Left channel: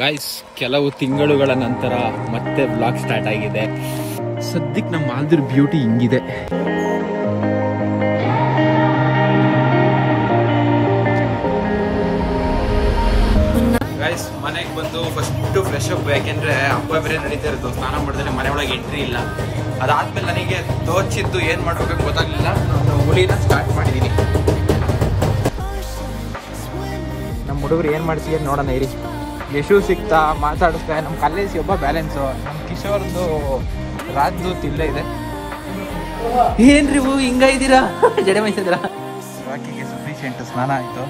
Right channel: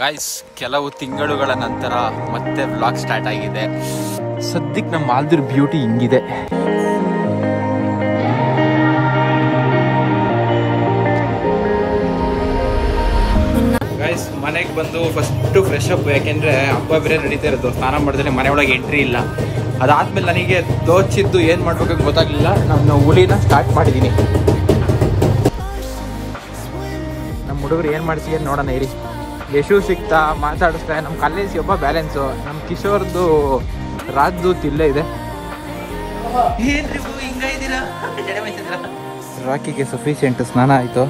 Guys, ಕೆಲವು ತಿಂಗಳುಗಳ ನಂತರ ಮತ್ತೆ ವ್ಲಾಗ್ ಸ್ಟಾರ್ಟ್ ಆಗಿದೆ. ಸದ್ಯಕ್ಕೆ ನಮ್ಮ ಮಾಲ್ದೂರ್ ಬ್ಯೂಟಿ ಹಿಂಗಿದೆ. ಗಾಯ್ಸ್, ಮನೆಗೆ ಬಂದು ಫಸ್ಟ್ ಫ್ರೆಶ್ ಅಪ್, ಯಾಕೆಂದ್ರೆ ಹಬ್ಬ ಬೇರೆ ನಡೀತಾ ಇರೋದು. ಸ್ನಾನ ಮಾಡಿದ್ರೆ ಮನೆ ಒಳಗೆ ಎಂಟ್ರಿ ಇಲ್ಲ. ಅದಾದ್ಮೇಲೆ ನನಗೆ ತೋಚಿದ್ದು ಏನ್ ಮಾಡ್ಬೇಕು ಗೊತ್ತಾಗ್ಲಿಲ್ಲ. ನಾನು ಹುಲಿನ ಸ್ಟಾರ್ಟ್ ಮಾಡಿದೀನಿ. ನಮ್ಮ ಹುಡುಗರು ಏನ್ ಮಾಡ್ತೀವಿ ನೋಡೋಣ ಇರಿ. ಯಶು ಸಿಗ್ತಾ ಮಾತಾಡಿಸ್ತಾ. ನಮ್ಮ ಕಾಲೇಜ್ ಒಬ್ಬ ಬ್ಯಾಲೆನ್ಸು, ನಮ್ಮ ಕಿಶೋರ್ದು ರಾಜ್ದೂತ್ ಇಲ್ಲೇ ಇದೆ. ಏನ್ರಿ ಹೂ ಹಿಂಗ ಇದ್ದೀರಾ, ಜಡೆ ಮೈಸಿದ್ದೀರಾ? ರಾಕಿಗೆ ಸಫಿಶಿಯೆಂಟ್ ಸ್ನಾನ ಆಯ್ತು.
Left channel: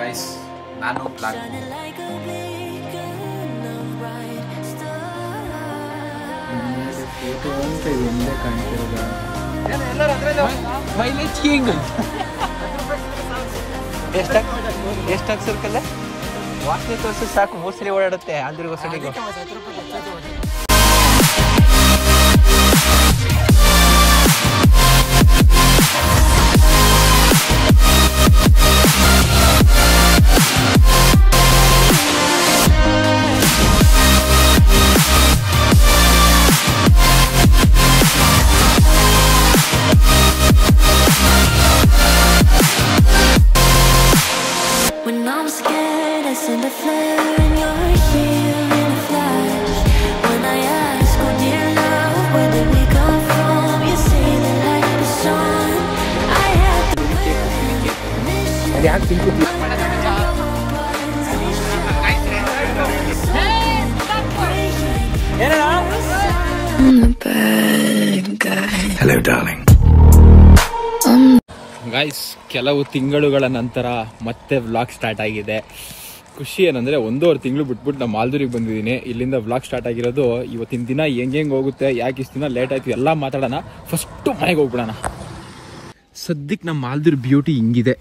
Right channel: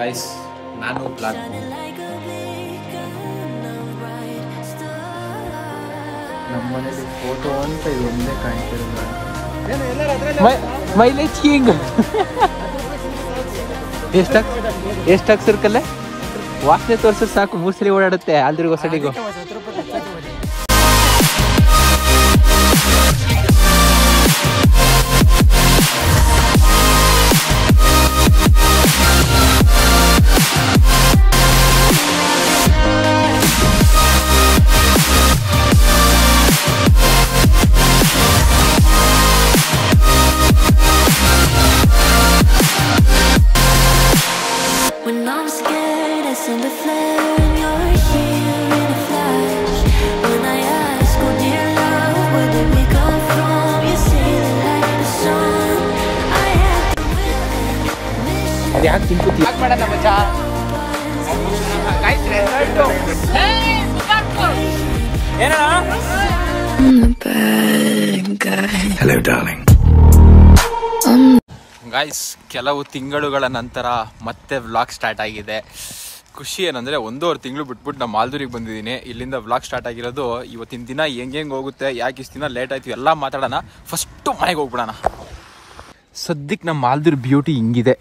ಗೈಸ್, ನಾನು ಬ್ಲಾಗ್ ನಮ್ಮನೇಲಿ ಫೋಟೋ ಅಂತ ಒಂದೇ ಕಾಣ್ತಿರೋದು. ಮೈಲೇಜ್ ಕಿಂಗ್ ಎಷ್ಟಾಗ ಸರ್ಕಲ್ಲೇ ವಾಸನೆ ತೋರ್ಸಿದ್ರೆ ಸಾಕು, ಮೂಸಲಿ ಓಡಾಡುತ್ತೆ ಅಲ್ದ್ರಿಗೂ ಹೊಸಡಿಗೂ. Send a flare and you're here in a flash. When I ask, oh dear love, where did we come from? You say the light is on. I had the will and mission. I'm the bad guy. Hello, darling. Guys, ಕೆಲವು ತಿಂಗಳುಗಳ ನಂತರ ಮತ್ತೆ vlog start ಆಗಿದೆ. ಖುಷಿ ಏನಂದ್ರೆ 1.5 ತಿಂಗಳು ಬಿಟ್ಬಿಟ್ಟು ನಾನು ಮಾಲ್ದೂರಿಗೆ ಬಂದಿದ್ದೀನಿ. ಇಲ್ಲಿಂದ ವ್ಲಾಗ್ ಸ್ಟಾರ್ಟ್ ಆಗಿರೋದು. ಇವತ್ತಿನ ದಿನ ಹೆಂಗೆ ಹೋಗುತ್ತೆ, ಯಾಕೆ ಇಷ್ಟು ದಿನ ಲೇಟ್ ಆಯ್ತು ಎಲ್ಲ ಮಾತಾಡೋಣ. ಫಸ್ಟು ಮನೆಗೆ ಹೋಗ್ಬಿಡೋಣ. ಸದ್ಯಕ್ಕೆ ನಮ್ಮ ಮಾಲ್ದೂರ್ ಬ್ಯೂಟಿ ಹಿಂಗಿದೆ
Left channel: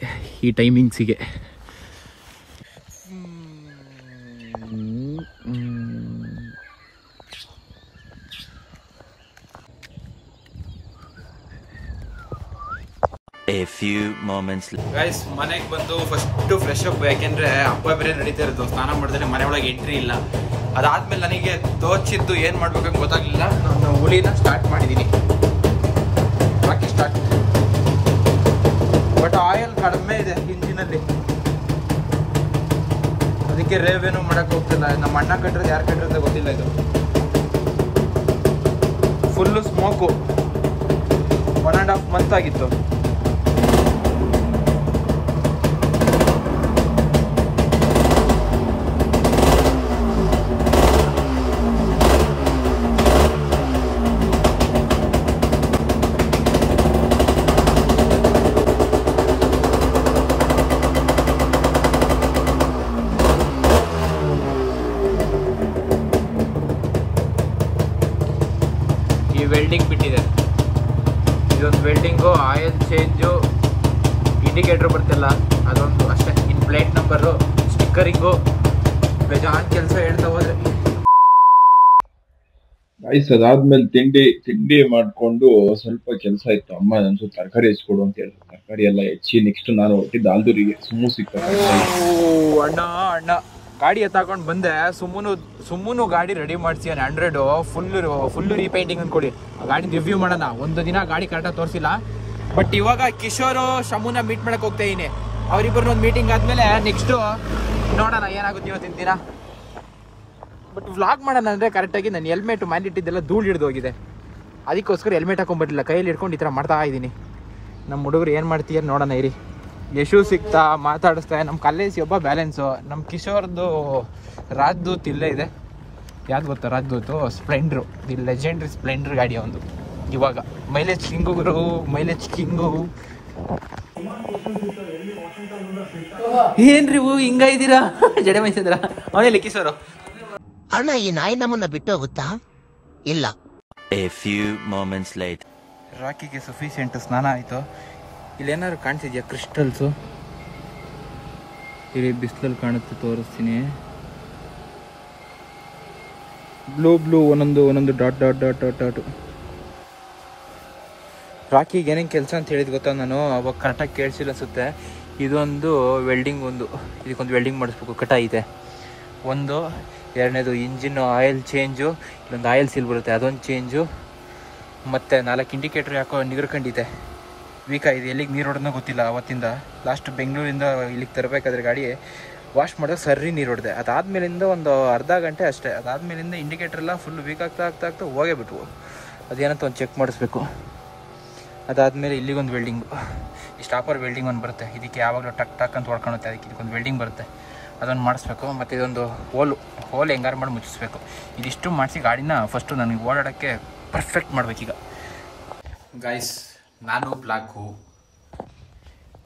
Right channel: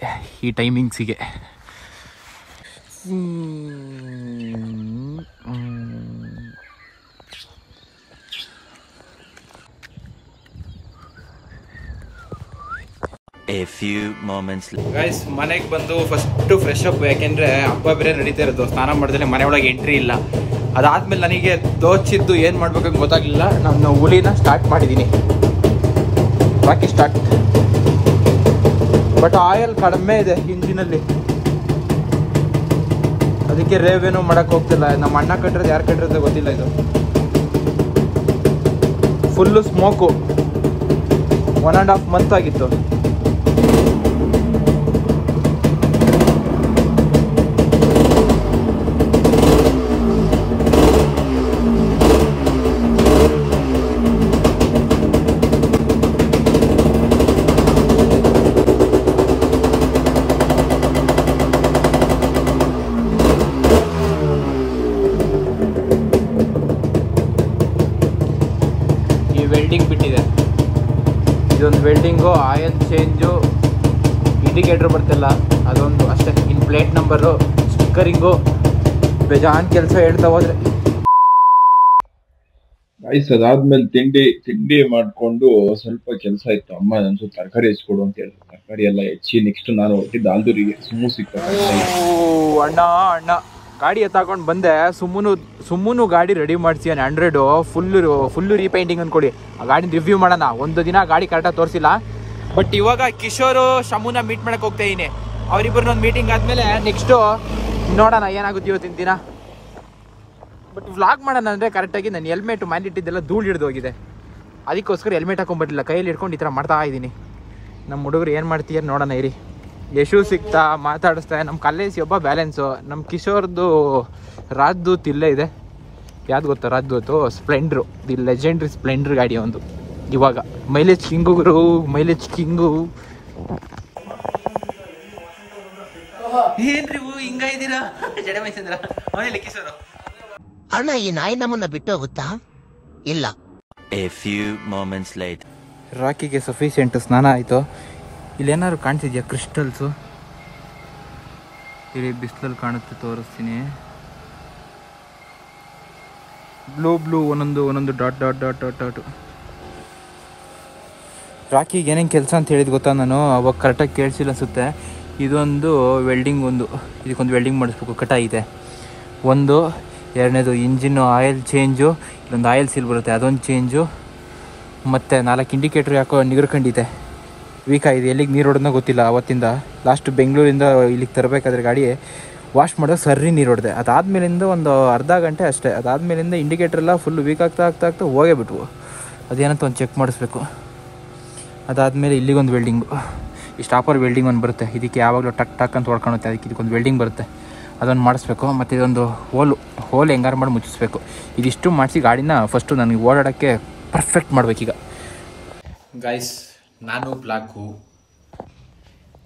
ಈ ಟೈಮಿಂಗ್ಸಿಗೆ. A few moments. ಗೈಸ್, ಮನೆಗೆ ಬಂದು ಫಸ್ಟ್ ಫ್ರೆಶ್ ಅಪ್, ಯಾಕೆಂದ್ರೆ ಹಬ್ಬ ಬೇರೆ ನಡೀತಾ ಇರೋದು. ಸ್ನಾನ ಮಾಡಿದ್ರೆ ಮನೆ ಒಳಗೆ ಎಂಟ್ರಿ ಇಲ್ಲ. ಅದಾದ್ಮೇಲೆ ನನಗೆ ತೋಚಿದ್ದು ಏನ್ ಮಾಡ್ಬೇಕು ಗೊತ್ತಾಗ್ಲಿಲ್ಲ. ನಾನು ಹುಲಿನ ಸ್ಟಾರ್ಟ್ ಮಾಡಿದೀನಿ. ಬಾಕಿ ಸ್ಟಾರ್ಟ್. ಬಟ್ ಆಯಿಲ್ ಕಡಿಮೆ ಇದೆ ಇಂಜಿನಲ್ಲಿ, ಅದಕ್ಕೆ ರೇವೇನು ಮಾಡಕ್ ಹೋಗ್ತಿಲ್ಲ. ನಮ್ಮ ಅಣ್ಣ ಕಟ್ಟಿರೋದು ಯಾರು ಕಟ್ಟಿರೋದು ಗೊತ್ತಿಲ್ಲ. ಇದು ಫುಲ್ಲು ಸ್ಮೋಕು. 1.5 ಮಂತ್ ಆಗಿತ್ತು. ವೆಲ್ಡಿಂಗ್ ಬಿಟ್ಟಿದೆ. ಇದೊಂದು ವೆಲ್ಡಿಂಗು, ಆಯಿಲ್ ಚೇಂಜು, ಇಂಡಿಕೇಟರ್ ಬರ್ತಿಲ್ಲ ಅದೊಂದು ಅಷ್ಟೇ. ಇನ್ ಪ್ಲೇಟ್ ನಂಬರು, ಸ್ಟಿಕ್ಕರಿಂಗು, ಬೇಜಾನ್ ಕೆಲಸ ಹೇಳ್ತಾ ಹೋದ್ರೆ. ಗೈಸ್, ಅದಾದ್ಮೇಲೆ ತಿಂಡಿ ಮಾಡ್ಕೊಂಡು ಸ್ವಲ್ಪ ಕೆಲಸ ಇತ್ತು. ಅಮ್ಮ ನನ್ಸು ತರಕಾರಿ ಹೆಚ್ಚಿಕೊಡು ಅಂತ ಹೇಳಿದ್ರು. ತರಕಾರಿ ಎಲ್ಲ ಹೆಚ್ಚಿ ನೆಕ್ಸ್ಟ್ ನಾನು ಹೊಟ್ಟಿದ್ದ ಆಲ್ದೂರಿಗೆ. ಸುಮ್ಮು ಸಿಗ್ತಾರೆ. ಅಣ್ಣ ಗಾಡಿ ಎತ್ತಾಕೊಂಡು ಬಂದೆ. ಸುಮ್ಮನು ಗಾಡಿ ರೆಡಿ ಮಾಡಿಸಿ 100 ಫುಲ್ಲು ರೀಪೇಂಟಿಂಗ್ ಅಂದ್ಕೊಡಿ. ಆ ಗಾಡಿ ರಿವ್ಯೂ ಮಾಡೋಣ. ಒಂದು ದಿನ ಗಾಡಿ ಕರೆಕ್ಟಾಗಿ ತೋರಿಸಿಲ್ಲ. ಬಟ್ ಇವಾಗ ಕಿಶೋರು ಶಮುನ ಮೀಟ್ ಮಾಡಕ್ ಹೋಗ್ತಾ ಇದೀನಿ. ಅವ್ರಿಬ್ಬರನ್ನ ಒಂದು ಮೀಟಿಂಗ್ ಆದ್ಮೇಲೆ ನೆಕ್ಸ್ಟು ನೋಡೋಣ ಏನಾಗುತ್ತೆ ಇವತ್ತಿನ ದಿನ. ಬಟ್ ವ್ಲಾಗ್ ಮಾಡೋಣ ಅಂದ್ರೆ ಕರೆಕ್ಟಾಗಿ ನಾನು ಹೆಲ್ಮೆಟ್ ಇಟ್ಟಿದ್ದೆಲ್ಲ ಧೂಳು ಹಿಡಿದು ಹೋಗಿದೆ. ಅದಕ್ಕೋಸ್ಕರ ಹೆಲ್ಮೆಟ್ ಹಾಕೊಂಡ್ಬರ್ಲಿಲ್ಲ, ಕೈಯಲ್ಲಿ ಹಿಡ್ಕೊಂಡು ಈ ಥರ ಮಾಡ್ತಾ ಇದ್ದೀನಿ. ನಮ್ಮ ಹುಡುಗರು ಏನು ಮಾಡ್ತೀಯ ನೋಡೋಣ ಇರಿ. ಯಶು ಸಿಗ್ತಾ ಮಾತಾಡಿಸ್ತಾ. ನಮ್ಮ ಕಾಲೇಜ್ ಒಬ್ಬ ಬ್ಯಾಲೆನ್ಸು, ನಮ್ಮ ಕಿಶೋರ್ದು ರಾಜ್ದೂತ್ ಇಲ್ಲೇ ಇದೆ. ಯಾವ್ದು ಗೊತ್ತಾ ರಾಜ್ದೂತು? ಸ್ಪ್ಲೆಂಡ್ರು, ದಿ ಲೆಜೆಂಡ್ರಿ ಸ್ಪ್ಲೆಂಡರ್ ಗಾಡಿ ಒಂದು. ಇವಾಗ ಮೈಲೇಜ್ ಕಿಂಗು ಗುರು, ಮೈಲೇಜ್ ಕಿಂಗು. ಏನ್ರಿ ಹೂ ಹಿಂಗ ಇದ್ದೀರಾ, ಜಡೆ ಮೈಸಿದ್ದೀರಾ? ಅವನೇ ಕಿಶೋರು. ಅಣ್ಣ, ಈ ನಾಯಿ ನಮ್ಮನ್ನ ಬಿಟ್ಟು ಹೋಗುತ್ತಾ? ಇಲ್ಲ. A few moments later. ರಾಕಿಗೆ ಸಫಿಶಿಯೆಂಟ್ ಸ್ನಾನ ಆಯ್ತು. ಇಲ್ಲೇನಾದ್ರು ಕಾಣಿಸಿದ್ಯಾ ಕ್ರಿಸ್ಟಲ್ಸು? ಇಲ್ಲಿ ಬಿಸಿಲಲ್ಲಿ ಕಾಣುತ್ತೆ, ತೋರಿಸ್ತೀನಿ. ಬ್ಲೂ ಒಂದೊಂದು ಡಾಟ್. ರಾಕಿಗೆ ಏನೇನು ಕೆಲಸ ಅಂತ ಹೇಳಿದ್ ಗೊತ್ತಾ ನಾನು? ಅವಾಗ ಕರೆಕ್ಟಾಗಿ ಕೇಳಿಸಿಲ್ಲ ಅನಿಸುತ್ತೆ. ಇದೊಂದು ವೆಲ್ಡಿಂಗ್, ಇದಕ್ಕೊಂದು ವೆಲ್ಡಿಂಗ್ ಮಾಡಿಸ್ಬೇಕು, ಕಟ ಇದೆ ಒಂದು. ಎರಡನೇದು ಇಂಜಿನ್ ಆಯಿಲ್ ಚೇಂಜು, ಇಲ್ಲೊಂದು ಆಯಿಲ್ ಸೀಲ್ ಬರುತ್ತೆ ಅದೊಂದು ಚೇಂಜು, ಮತ್ತು 4 ಇಂಡಿಕೇಟ್ರ್ ಯಾಕೋ ನಿಗರ್ಕೊಂಡಿದೆ, ವೀಕಾಗಿದೆ. ಎಲ್ಲಿಗೆ ನೀರು ಹೊಡೆದೋ ಗೊತ್ತಿಲ್ಲ. ಅವತ್ತಿಂದ ಲಾಸ್ಟ್ ಬೆಂಗಳೂರಿಂದ ಇಲ್ಲಿಗೆ ತರಬೇಕಾದ್ರೆ ಗಾಡಿ ವಾಶ್ ಮಾಡೋದು ಸರ್ರಿ ನೀರು ಹೊಡೆದೆ. ಅದಾದಮೇಲಿಂದ ಒಂದು ಅರ್ಧ ಗಂಟೆ ಅಷ್ಟೇ. ಅದಾದಮೇಲಿಂದ ಇಂಡಿಕೇಟ್ರ್ ಎಲ್ಲ ಫುಲ್ ವೀಕ್ ಆಗ್ತಾ ಹೋಗೇ ಬಿಟ್ವು. ಅದೇನಂತ ಒಂದು ಚೆಕ್ ಮಾಡಿಸ್ಬೇಕು. ಅದಾದಮೇಲೆ ಇಲ್ಲಿಗೊಂದು ವೆಲ್ಡಿಂಗು, ಈ ಸ್ಟಾಪರ್ ವೆಲ್ಡಿಂಗ್ ಒಂದು ಬರುತ್ತೆ, ಇದಕ್ಕೆ ಯಾವಾಗಲೂ ಟಕ್ ಅಂತ ಹೊಡ್ಕೊಳುತ್ತೆ, ಅದಕ್ಕೆ ಇದಕ್ಕೊಂದು ವೆಲ್ಡಿಂಗ್ ಬರುತ್ತೆ, ಅದೊಂದು ಮಾಡಿಸ್ಬೇಕು. ಮತ್ತು ಇದೊಂದು ಹೋಲ್ ಹೆಂಗಾರು ಮಾಡಿ ಮುಚ್ಚಿಸ್ಬೇಕು. ಇದಿಷ್ಟು ಮಾಡಿಸಿ ಗಾಡಿನ ಫಸ್ಟು ನನಗೆ ಓಡಾಡೋಕ್ಕೆ ಪರ್ಫೆಕ್ಟ್ ಮಾಡಬೇಕೀಗ. ಗೈಸ್, ನಾನು ಬ್ಲ್ಯಾಕು,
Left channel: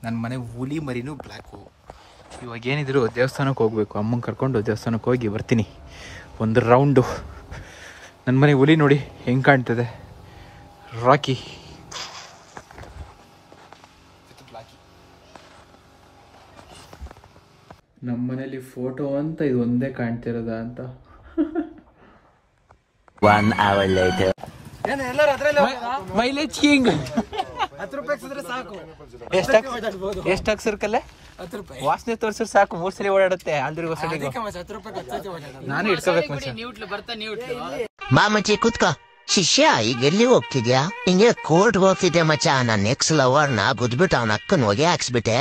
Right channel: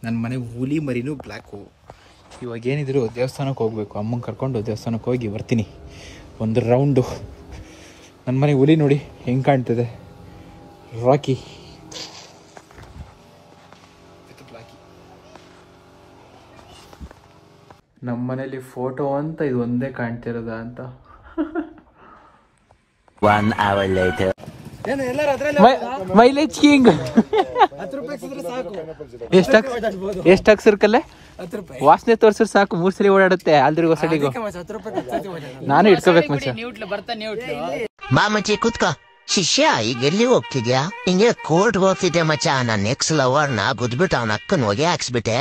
ನನ್ನ ಮನೆ ಹುಲಿ ಮರಿನೂ ಬ್ಲ್ಯಾಕು. ಇವಾಗ ಏನಿದ್ರು ದೇವಸ್ಥಾನಕ್ಕೆ ಹೋಗಬೇಕು, ಅಮ್ಮಂಗೆ ಕರ್ಕೊಂಡು ದೇವಸ್ಥಾನಕ್ಕೆ ಹೋಗಿ ಬರ್ತೀನಿ ಒಂದು ರೌಂಡು. ನನ್ನ ಮನೆ ಹುಲಿ ನೋಡಿ ಹೆಂಗೆ ಕಾಣ್ತದೆ, ರಾಕಿ ವಿತ್ ಬ್ಲ್ಯಾಕಿ. ನಮ್ಮ ಮನೇಲಿ ಫೋಟೋ ಅಂತ ಇದು ಒಂದೇ ಕಾಣ್ತಿರೋದ ಅಂತ. 1 hour later. Mileage king. ಎಷ್ಟು ಹಾಕ್ಸಿರ್ಕಲ್ಲೇ ವಾಸನೆ ತೋರ್ಸಿರ್ ಸಾಕು, 3 ಸಲ ಓಡಾಡುತ್ತೆ. ಆಲ್ದ್ರಿಗೂ ಹೊಸಡಿಗೂ ನಾನು ಇಟ್ಕೋಬೇಕು ಮಚ್ಚ. ಬಾ ಮಚ್ಚಿ ಕೂತ್ಕೋ. ಶಿಷ್ಯ, ಈಗ ಎಲ್ಲಿ ಹೋಗ್ತಿದ್ಯಾ? ಹಿಂಗೆ ಕೋರ್ಟ್ ಹೋಗ್ತಿದ್ದೆ ಮಚ್ಚ. ನನ್ನ ನೆಕ್ಸ್ಟ್ ಲವರ್ನ ಗುದ್ಬಿಟ್ಟು ಅವನ ಅಕ್ಕನ ಹೊಗೆ ಹಾಕ್ಸ್ಬಿಟ್ಟೆ.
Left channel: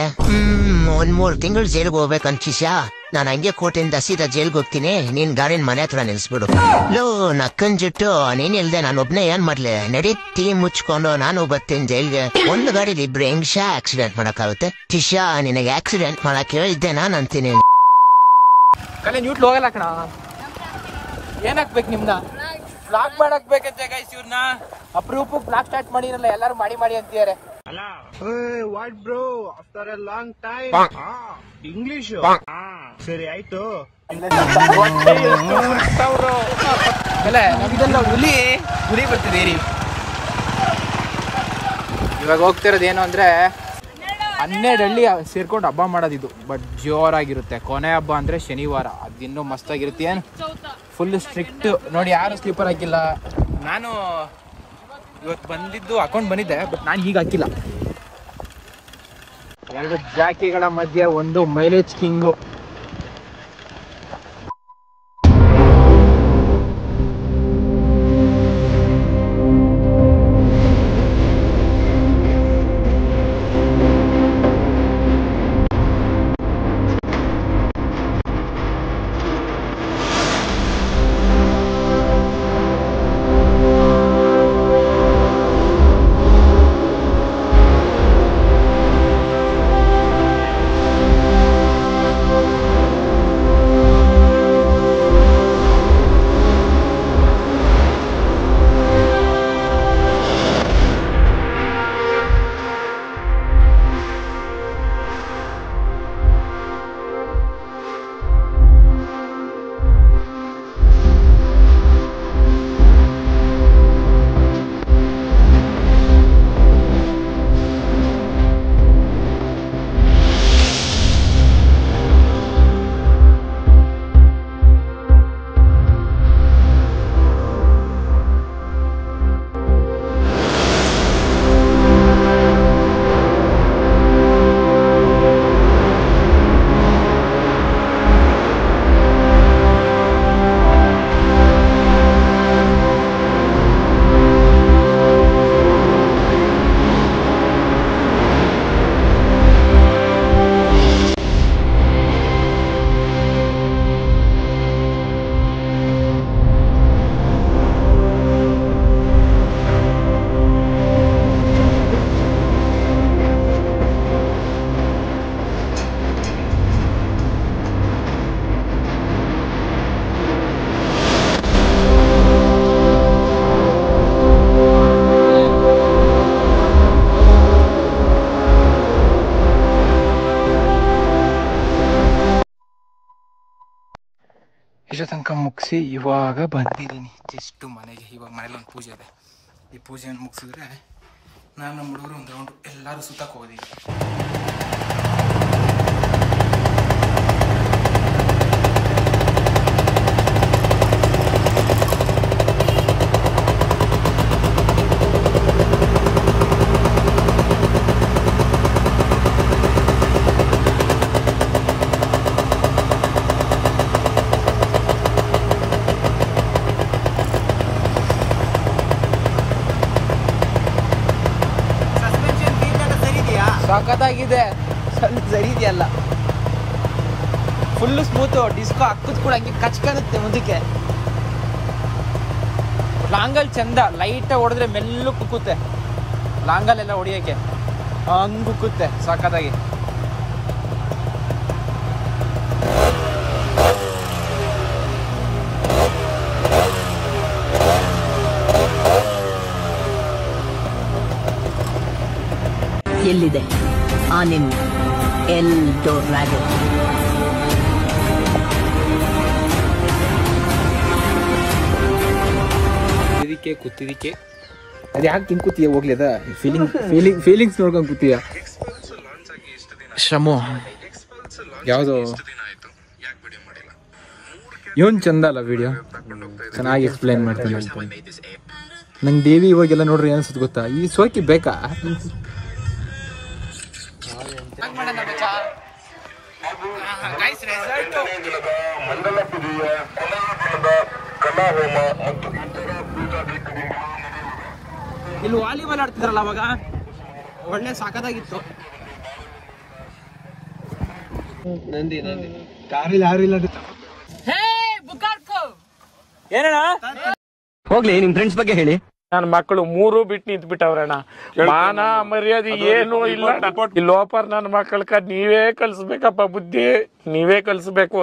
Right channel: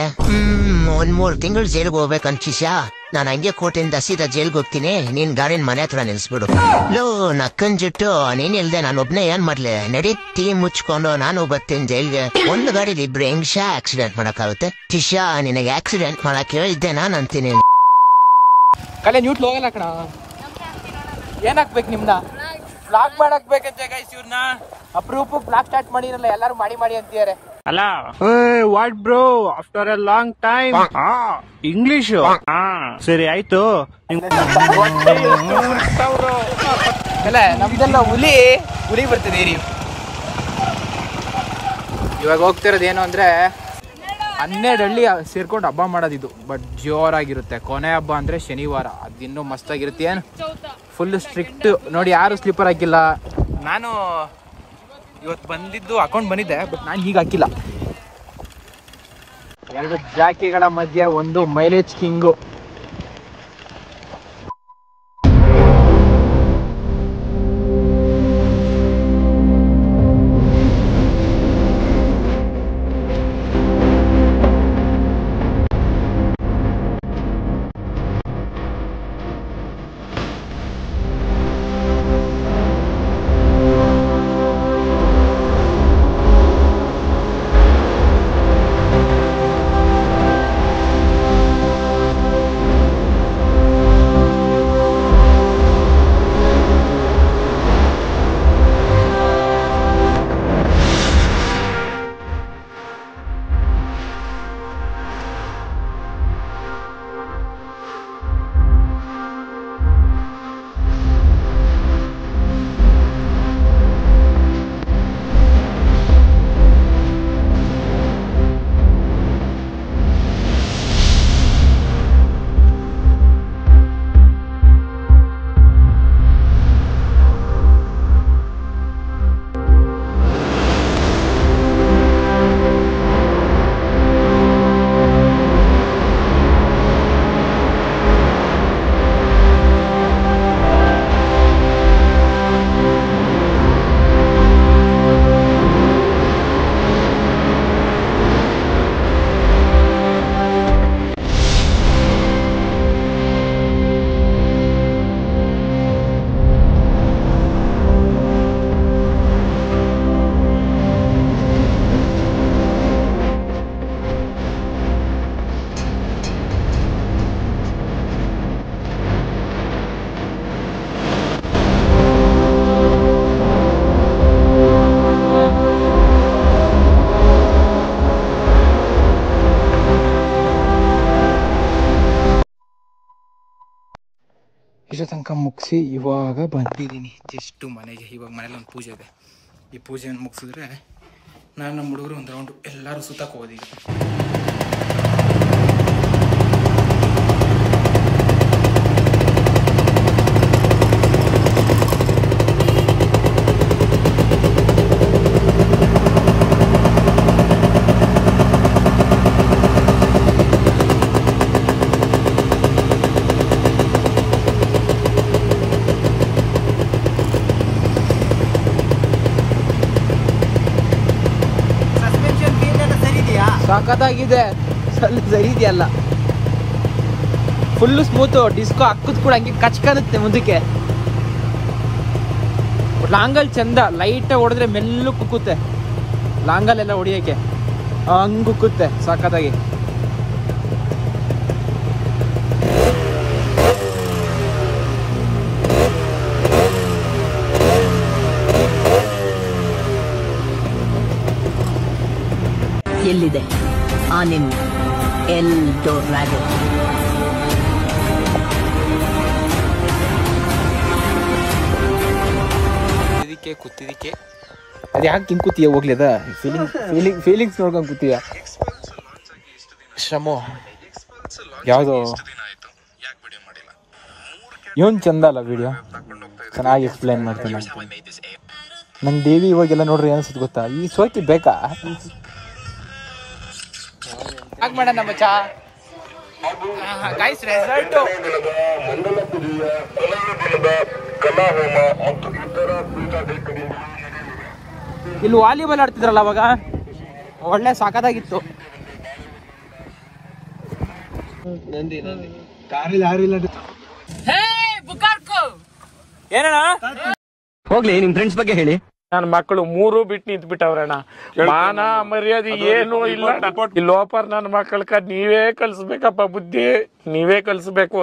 1-3 ತಿಂಗಳು ಜೈಲ್ಗೆ ಹೋಗ್ಬೇಕಂತ ಶಿಷ್ಯ. ನಾನು ಹಂಗೆ ಕೋರ್ಟಿಂದ ಸೀದಾ ಜೈಲ್ಗೆ ಹೋಗ್ತೀನಿ, ನೀನ್ ಗಾಡಿನ ಮನೆ ಹತ್ರ ನಿಲ್ಸ್ಬಿಡು. ಲೋ, ನಕ್ಕನ್ ಜುಟ್ಟು ನೀನ್ ಇಲ್ದೆ ನಾನು ಒಬ್ನೇ ಏನ್ ಮಾಡ್ಲಿ? ನಡಿ ಟೀ ಮುಚ್ಕೊಂಡು ನಾನು ಬರ್ತೀನಿ ಜೈಲ್ಗೆ. ಒಂದು ಗಾಡಿಲಿ ಇಬ್ರು ಹೆಂಗ್ಶ ಆಕ್ಸಿಡೆಂಟ್ ಮಾಡಕ್ಕಾಗುತ್ತೆ? ಶಿಷ್ಯ, ನಿನಗೆ ಆಕ್ಸಿಡೆಂಟ್ ಮಾಡಕ್ ಹೇಳಿದ್ದೆ ನಾನು ಅಂತೀನಿ. ಕಲೆ ನ್ಯೂಟ್ಲ್ ಹೋಗಲ್ಲ ಕಣ. ಏನಾಗ್ಬೇಕು ನಿಮ್ನ? ಬ್ಲಾಕ್ ಮಾಡಕ್ ಬೇಕಂತೆ ಗೈಸ್. ಇವ್ರನ್ನ ಅಪರೂಪಕ್ಕೆ ಬ್ಲಾಕ್ ಸ್ಟಾರ್ಟ್ ಮಾಡಿರಲ್ಲ, ಎಲ್ಲಾರು ಮಾಡಿ ಅಂತಿದ್ದಾರೆ. ಅಲ್ಲ what bro, after A long time English. ಸರಿ ಆಯ್ತು. ನಮ್ದೆಲ್ಲ ಹುಲಿ ಬರ್ತಿದೆ. ಇವಾಗ ಹೋಗ್ತಿರೋದೇನು ಅಂದ್ರೆ 12 ಹಳ್ಳಿ ಸೇರ್ಕೊಂಡು ಹಬ್ಬ ಮಾಡೋದಿದು. ಬಟ್ ಜೋರಾಗಿರುತ್ತೆ. ಕೊನೆ ಹಬ್ಬ ಅಂದ್ರೆ ಶನಿವಾರ, ಅದಿನ್ನೂ ಮಸ್ತಾಗಿರುತ್ತೆ. ಏನು ಫುಲ್ ಸ್ಟ್ರಿಕ್ಟ್ ನೋಡಿ, ಯಾರು ಸ್ಲಿಪ್ಪರ್ ಹಾಕಿಲ್ಲ. ನಾನು ಇವತ್ತು ಬಂದಿದ್ದು ಹಾಕೊಂಡು ಬಂದಿದ್ದೆ, ಬಟ್ ನಾನು ಈಗ ಹಾಕಿಲ್ಲ. 2 ಜಾಕಿಗಳ ಮಧ್ಯೆ ಒಂದು ಮೈಲೇಜ್ ಕಿಂಗು. ಇಷ್ಟ ತನಕ ಮುಗಿಸಿ ಇವಾಗ ಬಂದಿದ್ದೀನಿ ಜಸ್ಟ್ ಮನೆಗೆ. ಇವಾಗ ಮನೇಲಿ ಒಂದು ಪೂಜೆ ಇದೆ. ಈ ಪೂಜೆಯನ್ನು ಮುಗಿಸಿದ್ರೆ ನಾನು ನಮ್ಮ ಹುಡುಗರು ಒಂದು ರೌಂಡು ಎಲ್ಲರೂ ಸುತ್ತಕ್ಕೆ ಹೋಗೋದೀಗ. ಸಖತ್ತಾಗಿದೆ. ಸ್ವಲ್ಪ ಸರಿ ಇದೆಯಲ್ಲ, ಫುಲ್ ಸ್ಮೂತು. ಡಿಸ್ಕೋ ಹಾಕದ್ ಕೂಡ ಹಂಗೆ ಕಚ್ಕರುತ್ತೆ ಮುಂದಕ್ಕೆ. ಲಾಂಗಲ್ ಚಂದ, ಲೈಟ್ ಹೊಡೆದ್ರೆ ಮೆಲ್ಲು ಕುಕ್ಕುತ್ತೆ. ಲಾಂಗಲ್ಲೆಲ್ಲ ಹೊಡಿಯಕ್ಕೆ ಹಂಗ್ ಕುಕ್ಕುತ್ತೆ ಸಖತ್ತಾಗಿ. ಎಲ್ಲಿದೆ ಆ ನಿಮ್ ಎಲ್ಡೋರಾಡೋ? ಕೂತಿದಕ್ಕೆ ಅದ್ ಯಾಕೆ ಹಿಂಗ್ ಕೂತೀಯ? ಹೋಗ್ಲಿ, ಅದ ಫೀಲಿಂಗ್ಸ್ ನೋಡ್ಕೊಂಡ್ ಕೂತೀಯ. ಶಮು ಯಾವ್ದು ಇವನ್ ಚಂದ ಅಲ್ಲ ವಿಡಿಯೋ, ಚೆನ್ನಾಗಿ ಎಕ್ಸ್ಪ್ಲೈನ್ ಮಾಡ್ತಾನೆ. ನಂಗೆ ದೇವಿ ಇವಾಗೆಲ್ಲ ನೋಡ್ರಿ ಅನ್ಸುತ್ತೆ ಗೊತ್ತಾ, ಈ ಸೋಕಿ ಬೇಕಾ? ಇಲ್ಲಿ ವಾಲಿಬಾಲ್ ಆಡ್ತಿದ್ರಲ್ಲ ಅವಾಗ, ಒಳ್ಳೆ ಸಾಕಾಗಿತ್ತು. ಹೋಗ್ಲಿ, ನಿಮ್ ಫ್ರೆಂಡ್ಸ್ ಬಗ್ಗೆ ಹೇಳಿ. ನನ್ನ ಮಕ್ಕಳು 3 ಬಿಟ್ಟು ನಿಂತ್ ಬಿಟ್ಟವ್ರಣ್ಣ. ಮಾನ ಮರ್ಯಾದೆ ಏನು ಇಲ್ಲ. ಈ ಲೋಪರ್ ನನ್ನ ಮಕ್ಕಳ ನೀವೇ ಕಲ್ಸ್ಬೇಕಪ್ಪ, ಬುದ್ಧಿ ನೀವೇ ಕಲ್ಸ್ಬೇಕು.